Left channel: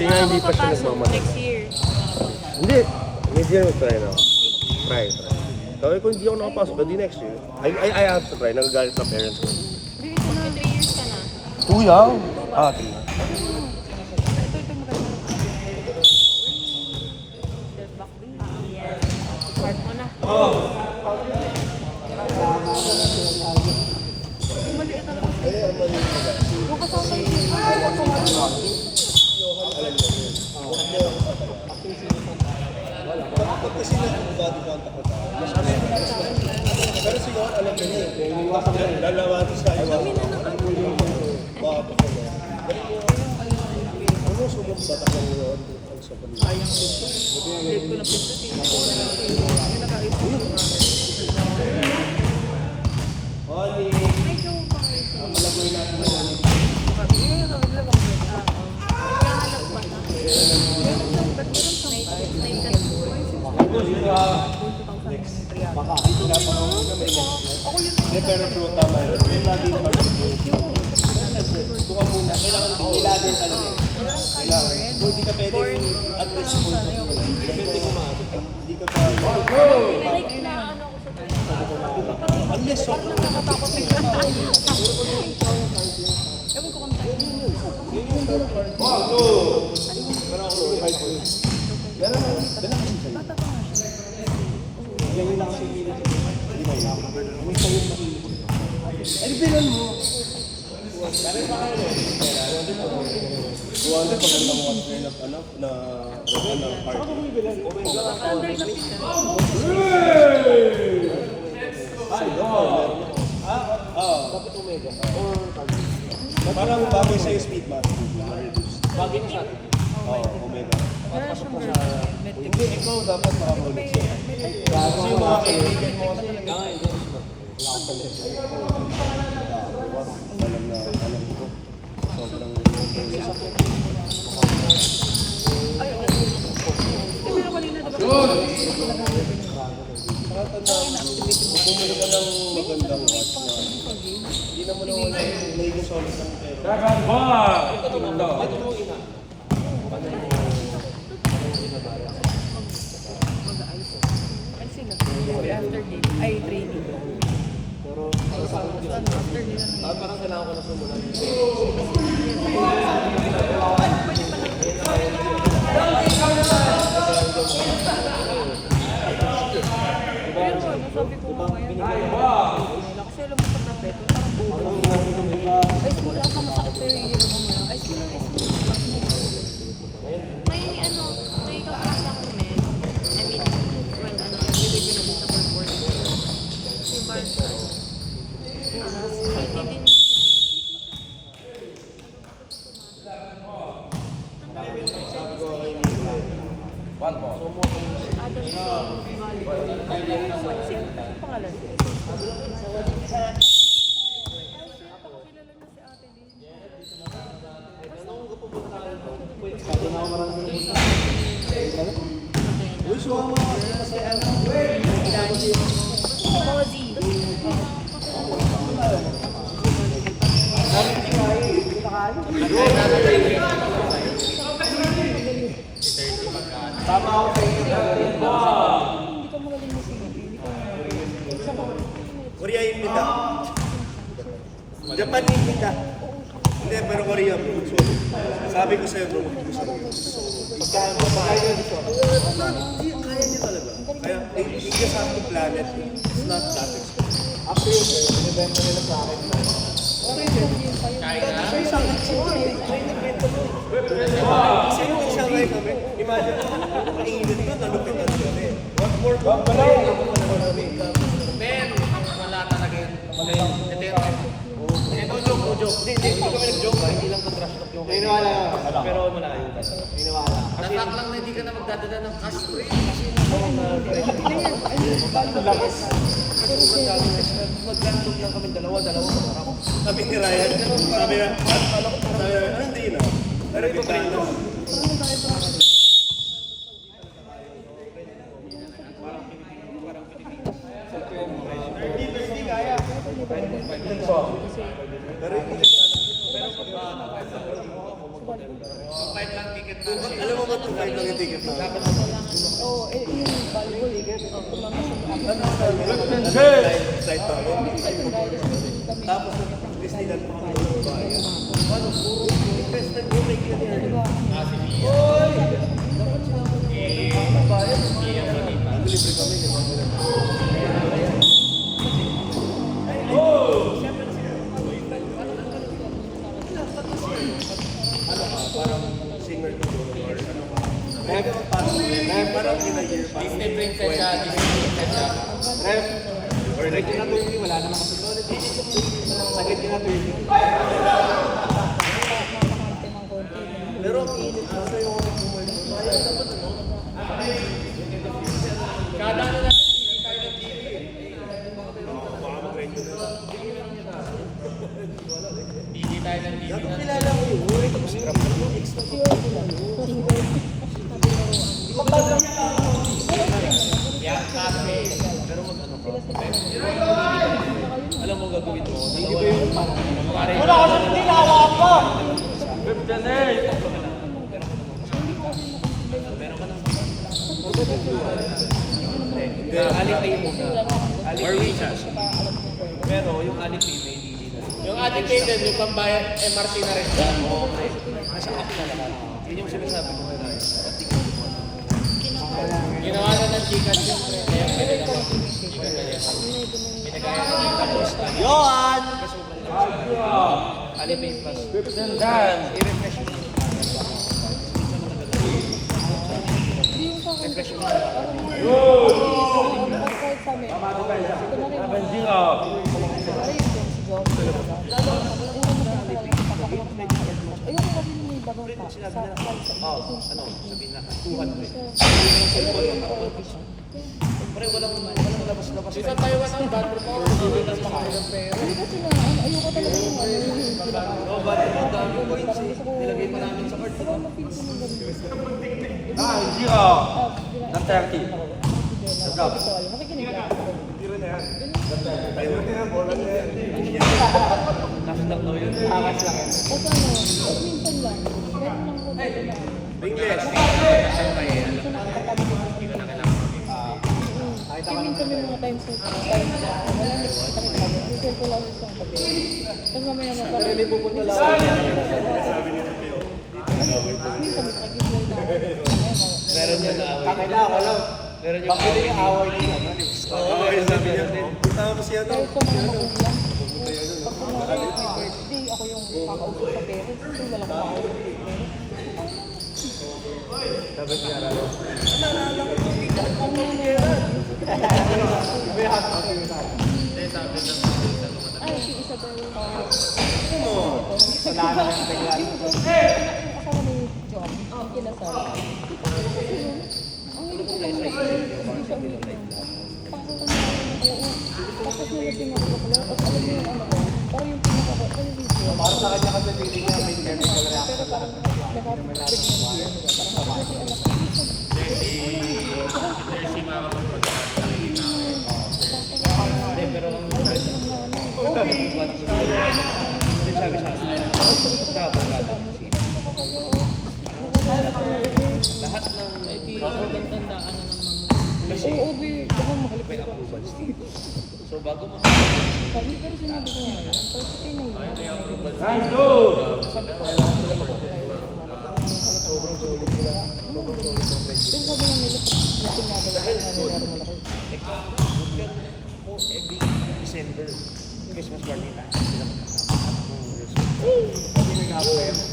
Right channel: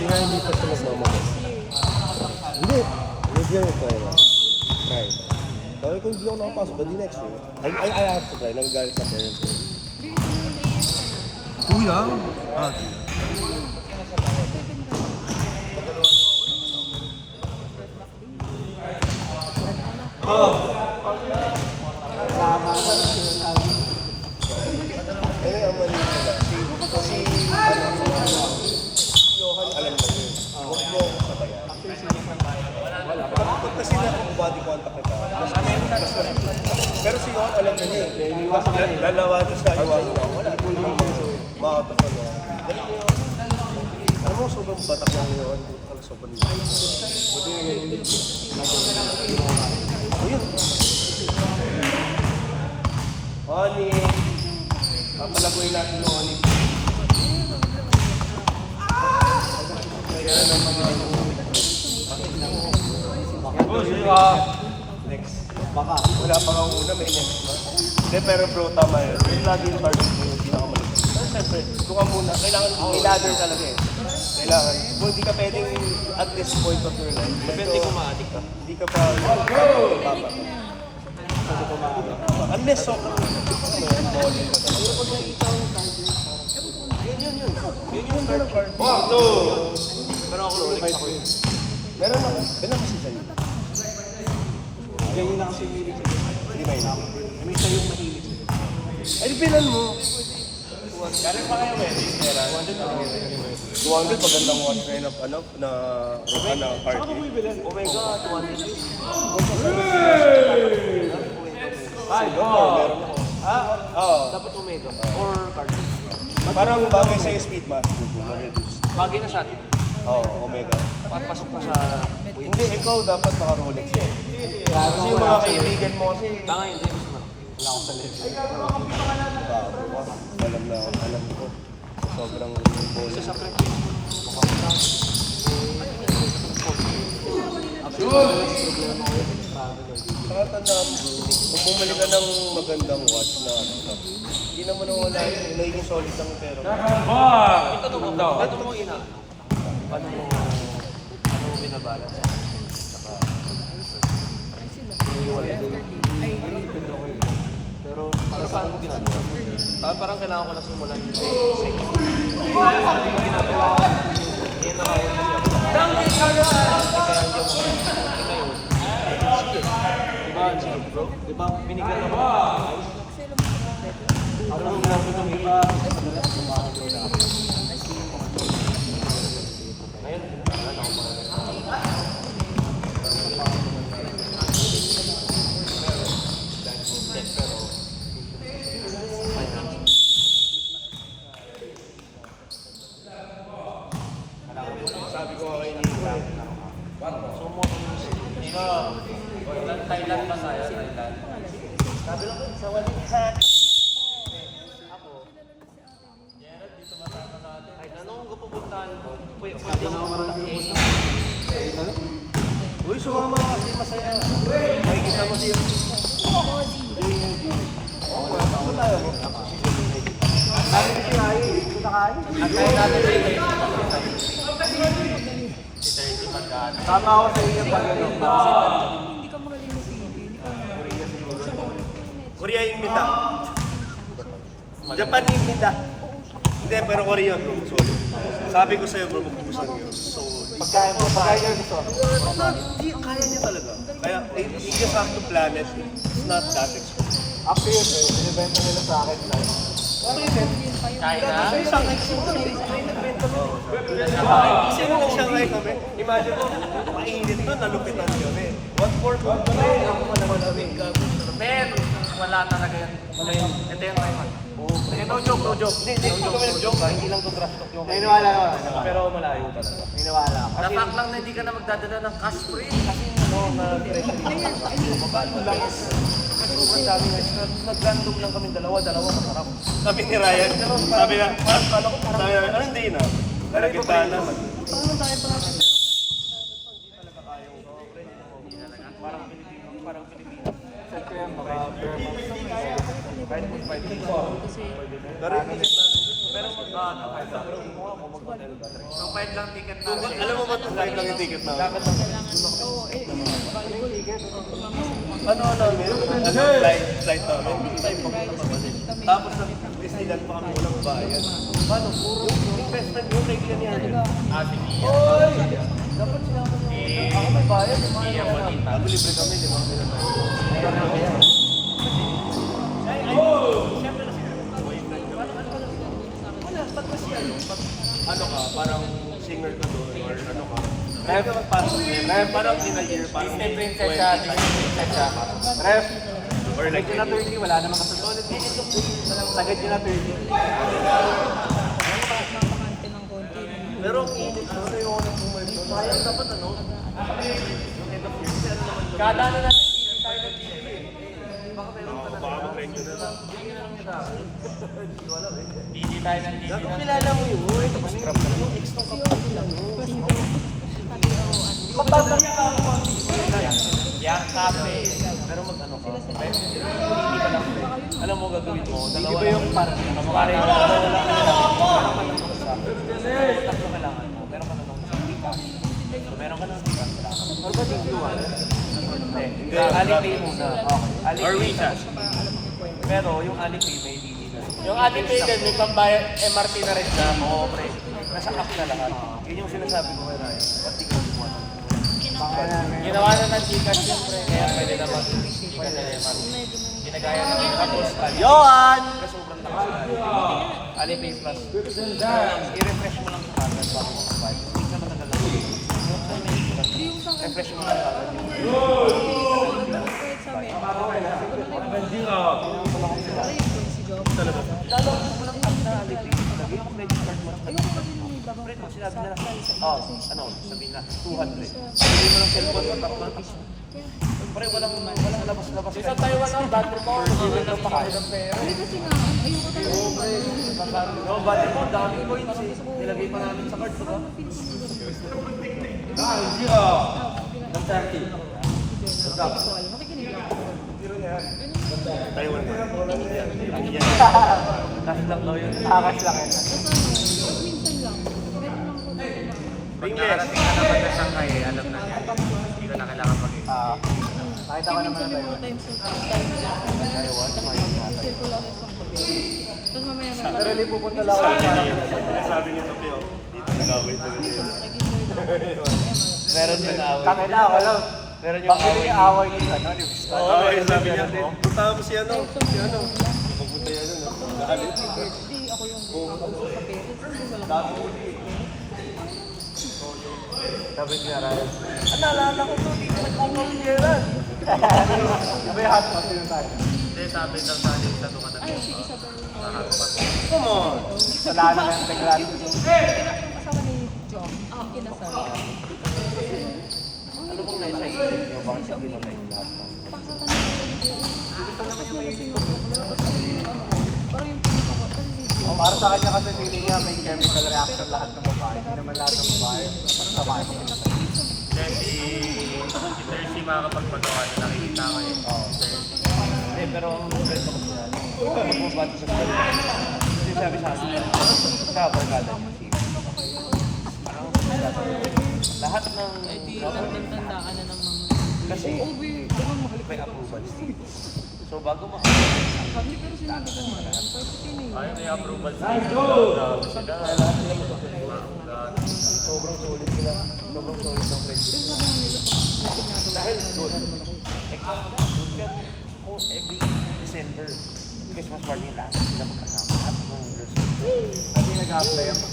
Hindi nga hindi pa siya nagmamahal. Next year. Hindi. Mid-year yung try na. Try. Sabi ko hindi ako nakapasok, hindi next year. I have to try. Nagagalit sa parents ko. Hindi ito na 3 years ka na. Kuya? Ah, sige. Kasi body contact ko pero si Johan alam na niya eh. Lalawatis ka yung mga kapatid. Ano mo sobrang batak ng Johan ang sobrang buti nga ganyan. Honey, ang malagoy natin ng honey. Next. Baka. Wala pa akong ulam eh. Hindi, pero bro, tama yun. Yung lagi yung part of ito ka muna. Kailangan ilagay ka lang yan. Kailangan. Kung hindi ka pwedeng at least point of view lang. Depende kung maadik ka. Hindi ka pa... Unless so... Yun yung third part. Pero ako fight ko yun. Meron kasi sa'yo. Ganyan na kasi yung milig sa'yo. Hindi ba yun? May sa'yo yung makilig sa'yo. Ay, bilan mo. Kaya pa kayo eh. 200 pagandang one kind of ano na part. Saka mo yung bilan? Omega 200. Ay, dapat Omega. Or card. Parang bagay sa'yo speed math. Bagay na sa atin. Oo, Omega. Pasok pa sa... Hindi, ikaw dapat naka-Rolex yun. Kasi yung mga kaibigan mo kasi... Tanga, hindi. Wala akong sa level. Alam ko. Sobrang... Kasi sa prep. Yun! Saka tandaan, kung bumili ka ng magandang watch na... Hindi naman ako naging solid ang pera. Karamba! Ano mo ina? Paano mo binabara? Pero para saan mo ginagawa? Parang kailangan ko na sumulan. Diba? Binigay mo. Tama ako sa inyo. Hindi ka magaling mo Philippine. Korea yung nita. Japan yung nita. Hindi, pero Korea bro. Sorry. Sabi ko sa'yo bro, magpupusan yun. So, pagkaya nyo dito. Kaya nyo talaga. Kaya, you just have to plan it. It's not that expensive. Actually, in-event na nila sa akin na. Kaya na? Kasi nung nag-Shanghai kami, imagine mo, mainit doon, nalupitan kami. What more kung Men, wala talaga yan. Ito yung iPhone. no joke, no joke. Hindi kami nag-joke. Hindi lang to trash talk yung Naniniwala ko. pero malayo. Naniniwala ko. Napak lang na hindi ka na magdadala ng cash free. Naglandog lang kami dalawa masarap. Sabi ni Ryan, sabi na, ano hindi na? Nalagyan na. Pero hindi pa. Pero sa bata, So 2.5 lang ticket na. Alam mo ba ito lang yung ticket na? Oo, yung volleyball. Tumama sa mukha. Ano, flight namin. Hindi ko sa tindahan, tapos may kami. Tapos nag-Disneyland pa kami ng bayan. Paano? Puro yung best friend mo, may ganyan yan. Ano, libre kami, di ba? Ano ka? Parang singer ka doon or ano ka? Kaya ka magpasok yun. Kaya parang in a year, parang Disney princess siya, Disney princess siya. Ref, or like yun na 20, wala namang kasunod. Sagad yun na 20. Makakante ng konti. Pero ang init ko, ano yung oras mo kaya dapat ano? Kada ano natin, tayo ng TV. Baka mag-regular lang. Hindi tayo ng TV. Dapat kilala mo yun. Extra ka pa lang. Yang cafe. Pero mag-ano ka? Sila. Alam mo gagawin mo? Hindi ba yung parang Pare. Alipay muna. Or WeChat. Pero yung Alipay may hindi na. Yung ating payment, may pambayad MRT na rin siya. Oo, pre. Nasa app na lahat. Yun yung sinasabi ko kaya. Ginawa na ng Gcash yun, pre. Kaya pwede na mag-Gcash na MRT. Pinagaya na Gcash. Yohan! Alipay Plus. I-refresh mo lang yung password. Hindi yung sa akin. Refresh mo lang. Kahit sa amin. Ito na rin. Para yung si Job. Lalo na sa unang magkakilala ng pagkakilala. Ayoko kasi nung may babang pa. Sa Ano? Sabihin na, 200. Pre, walang labas-labas. Sa Taiwan ang bad report. Hindi na makain ng pera. Hindi kasi nga, ayoko talaga yung ano yung pinaka- Oh, bali mo, dami points Parang eh. gusto ko- Nilagay pa namin sa card. Parang mag-feel ko ng ganun. Zero! Ng 30. Sabi ko, alam, makikinig lang ako. Taiwan. Cash lang daw yun. Cash lang yan. Tapos ano, tapos minsan lang, meron lang ko tayo na. English. Kapag nasangkay, alam na niya. Hindi ko na kailangan mag-isa. Kasi minsan may mga times na time na wala na kita kami. Yung ko lang sa gabi. Tapos mamaya na parang Really pupunta lang ako. Sabi niya sa Pio. tapos minsan may nag-enjoy na ako. Meron din away. Takay na, wala. Meron yung away. Yung away yung ano. Oo, yung sabi niya. Punta mo si ano. Kahit sa mga lang. Tapos kunwari, may birthday, ako yung kakausap sa parents. Kasi wala ka ako. Sabi niya, naalala ko ito. Ang nangyayari. Iba yung hot dog yung tayo. Hindi, sabi ng sabi sa naman. Ay, si Isabel. Come on. Wala na yan. Bigla. Yung kasama ni John, ang kinasal. Ang hindi ko naman kasi, hindi siya umiinom. Pasal na namin yung oo. Tapos nalasing ako pala, tapos alam niyo yung ano ko, parang yung pinaka ko, kasi video. Para sa kanya kasi hindi niya may chemical reaction lahat ng mga. Baka Hindi naman lahat ng pwede mga. yun, di ba? Parang kasi anak, ibig sabihin, Si mga kapagpagawa na nakikita ko eh. Hindi, pero hindi sabi sa akin. Kabarkada. Lahat ng Tandaan na ng mga... kasi oo, baka mahalik may ko. approval. So bago Sabi, pero sinabi ko nga, first day na yun. Ayun na yung approval. sobrang solid sila. Sobrang solid ng friendship. Pero sabi nga nila, pag ginagawa ko na nila malaki. Every December, Christmas party nila, sila kasama at New Year's. Hindi nag-apply ako.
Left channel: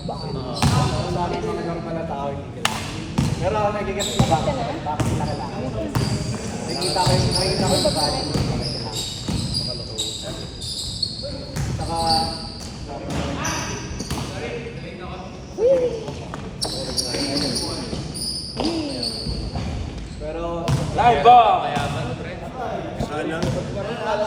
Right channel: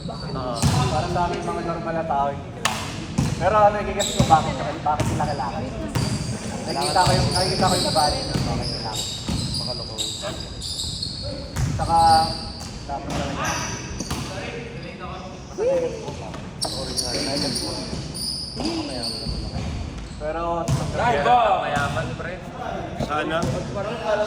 Parang dami mga normal na tao yung kilala. Pero ako nagigas ko bakit sila kailangan. Nakikita ko yung value ng mga kailangan. Makaloko. Saka, sabi ko, pero, live ba? Mayaman, pre.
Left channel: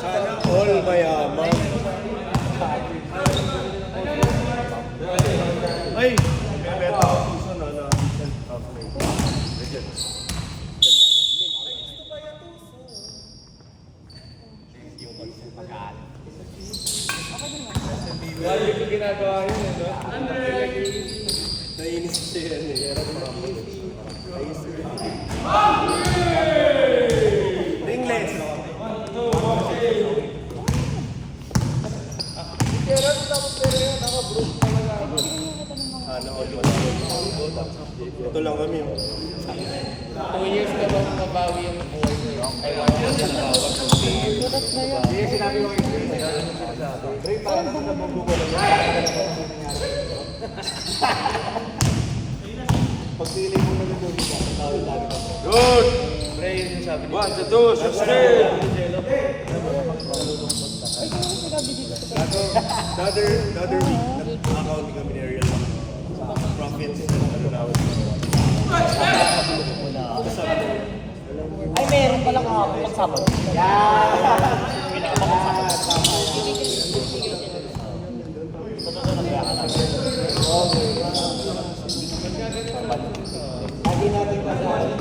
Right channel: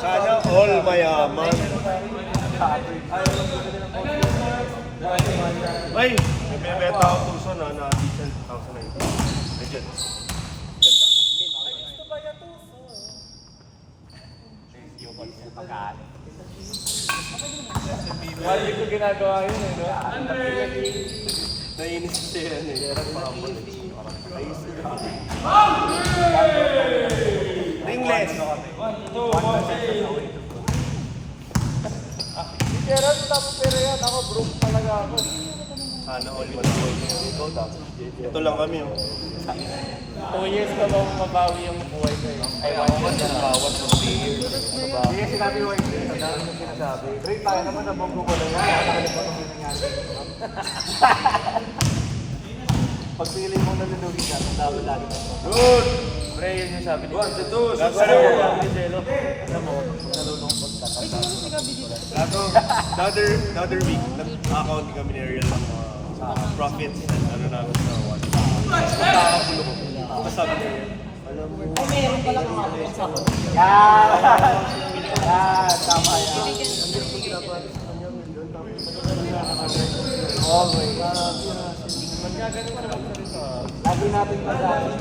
Sana all mayaman. Ay, may beta ako tuso na decent house na ito. Legit. Yung pagkaan. Wala ko ginagawa yun eh. Nainis siya yan eh. Ringless. Sana all wala. Ito lang kami. Oh. 2 years ka daw mabawi yung buhay ko. Ay, 1 year ka bawat Surat na yun. Hindi sinabi ko kayo dito. Great tayo naman sa bumbu ko lang. Pagpili mo na nilulugi ka, tawag lagi ka. Good! Pre, yun yung sabi niya. 1, 2, 3, Ay, kung ano sinabi dito sa Another week, nag-account kami ni Ariel ng profits and ano na was sabi niya. Ay, meron palang pagsapot. Tama yan. Hindi natin madaan.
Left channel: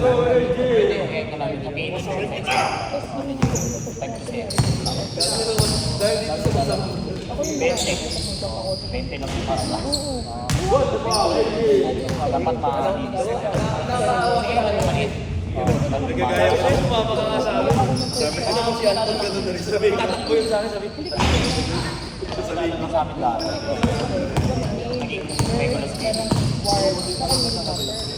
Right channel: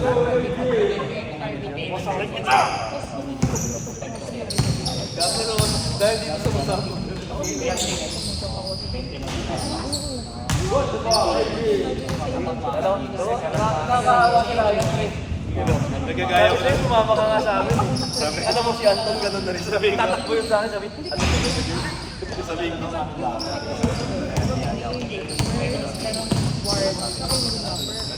Nagagaya ko din. Sumama ka nga sa akin. Sabi, ano kung si Anton ganun na rin. Sabi, tatakbo yun sa akin. Sabi, sabi ko. Merong ward. Sa akin yung number.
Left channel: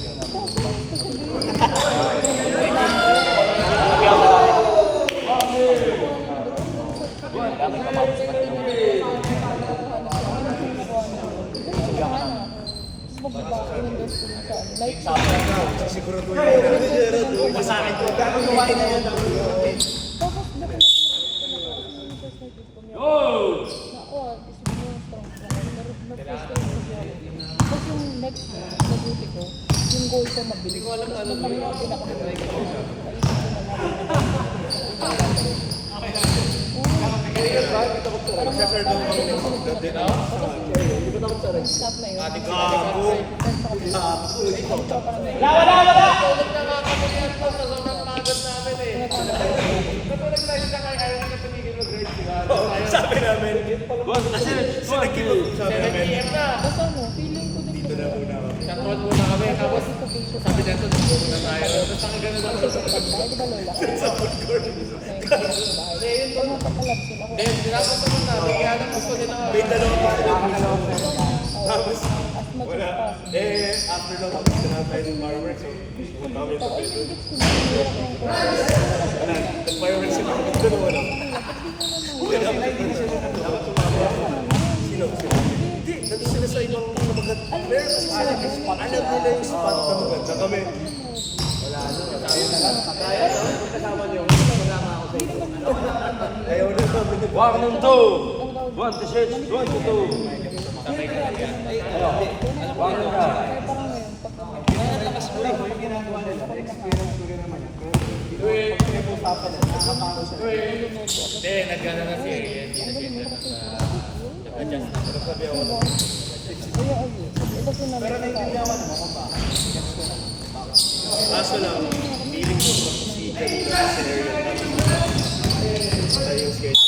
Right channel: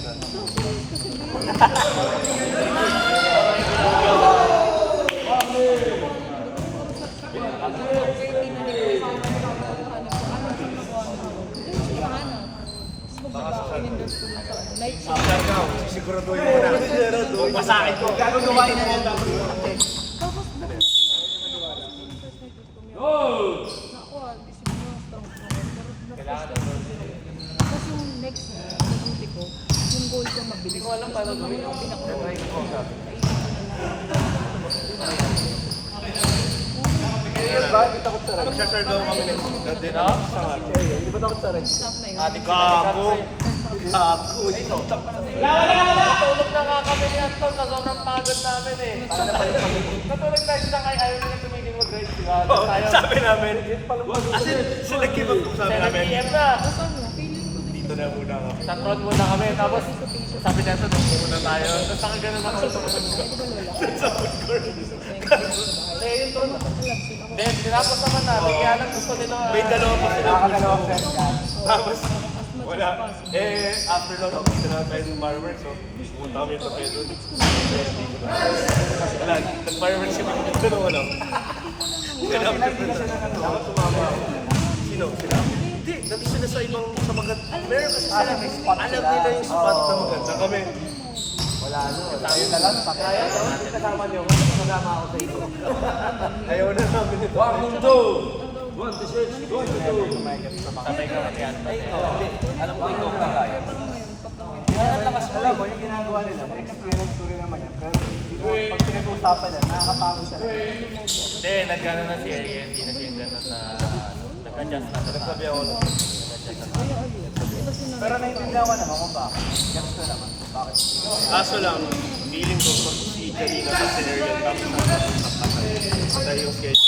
Siguraduhin mo na. Masakin ko. Gagawin na yan. Tapos yung next na duty ko, yung goal ko mabilis. Ko alam paano kami ang pinaka-try ko. Magsasar daw kami ng dati na. Stop na yun. Gago. Gago. Tulog na nga kami yan to sa sobrang pagod namin eh. Katulog tayo sa kay ayaw na tumigil mag-ride sila. Sabi namin. Kasi sila give-up ko sabi 7 namin. PM na. Basta ano, feeling ko din. Dito na muna kami. Sa front muna kami. Tapos sabi niya ito, dito muna tayo. Tapos ang ganun ako sa Ay, di ba lola? Sa food court. Ano papalag sila ko? Then, sinapot naman namin. Kaya lang gusto nila. May dalawa pa sila. Tapos, As much wala. as possible. Eh, after nun, tapos na tayo ng fireworks. So, pumunta kami sa Pedro. Wala, nag-fireworks yung mga dito naman ako. Sino? Sila? Hindi, nandito sila sa ibang namagat. Meron kasi sila, alam nila yung sapat na maganda kami. Ayaw na namin. 1, 2! 1, 2, 1, 2! Sabay ka lang yan. Alam mo, yung ginagawa nila, experience ko rin naman yan. Pero pag pinag-usapan yan, nakakapangko siya. Hindi, nag-ano na si Ariel. Hindi na siya ganun na nag-adjust na. Nagsabi ako, Pero naiintindihan ko naman kung bakit. Gets ko naman. Bakit? kaso lang, feeling ko si kanina sa scenario tapos na yung schedule.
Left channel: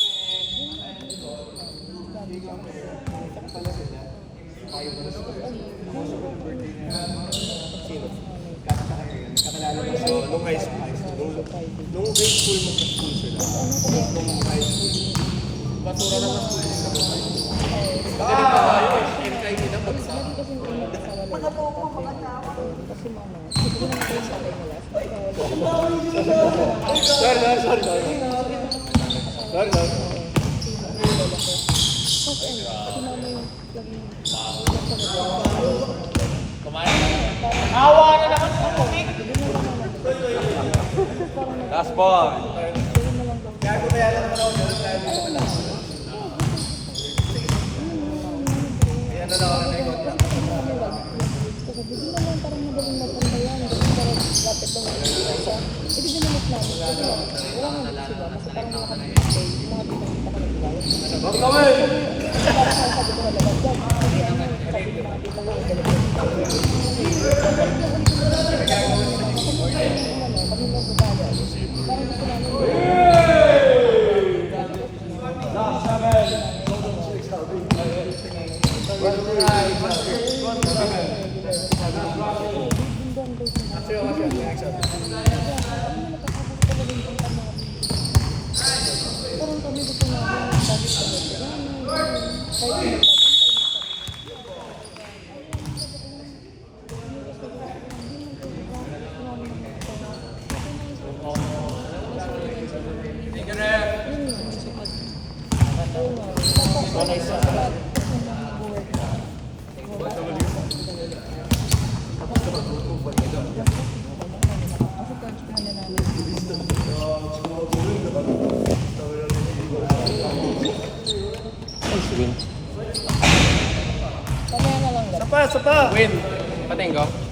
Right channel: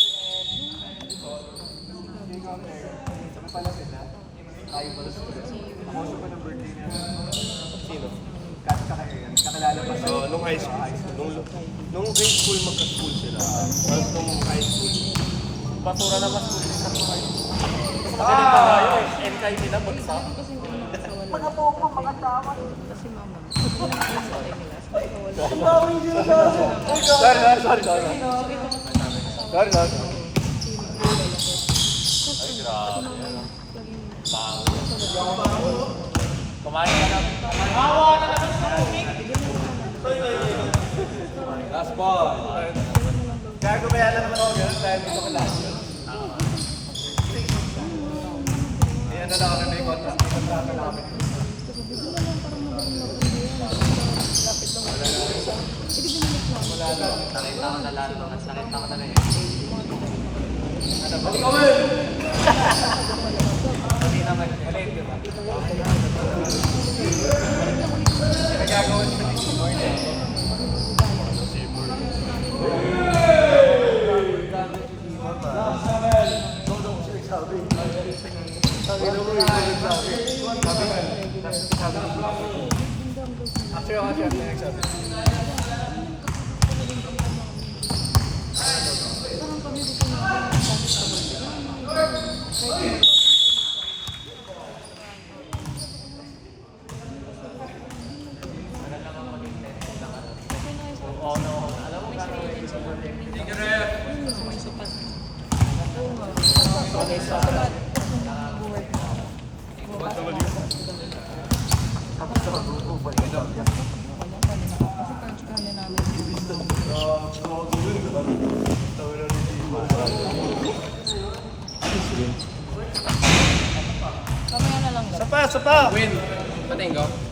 Kakilala pa So, nung high school, nung grade school, magka-school sila. Tapos nung high school, Basura na mas tuloy sa mga. Ganito tayo. NKT na bagsak. Kasi hindi nakakawala. Kasi mama, hindi na natin sa tayo nila. sorry. Kumain ka na. Awa na naman sa tubig. Last ball. Gago ba yan lang ako gano'n tayo dito ka lang. Ayan na lang ako na may contract. Kasi hindi naman parang madaling napunta yan. Lapit lang ako sa isa. Hindi din naman namin. Wala nga dito sila. Kasi parang mga Good Parang kami gusto namin magsabi sa kahit Kamaya na lang. Sapa! Win. Patinggo.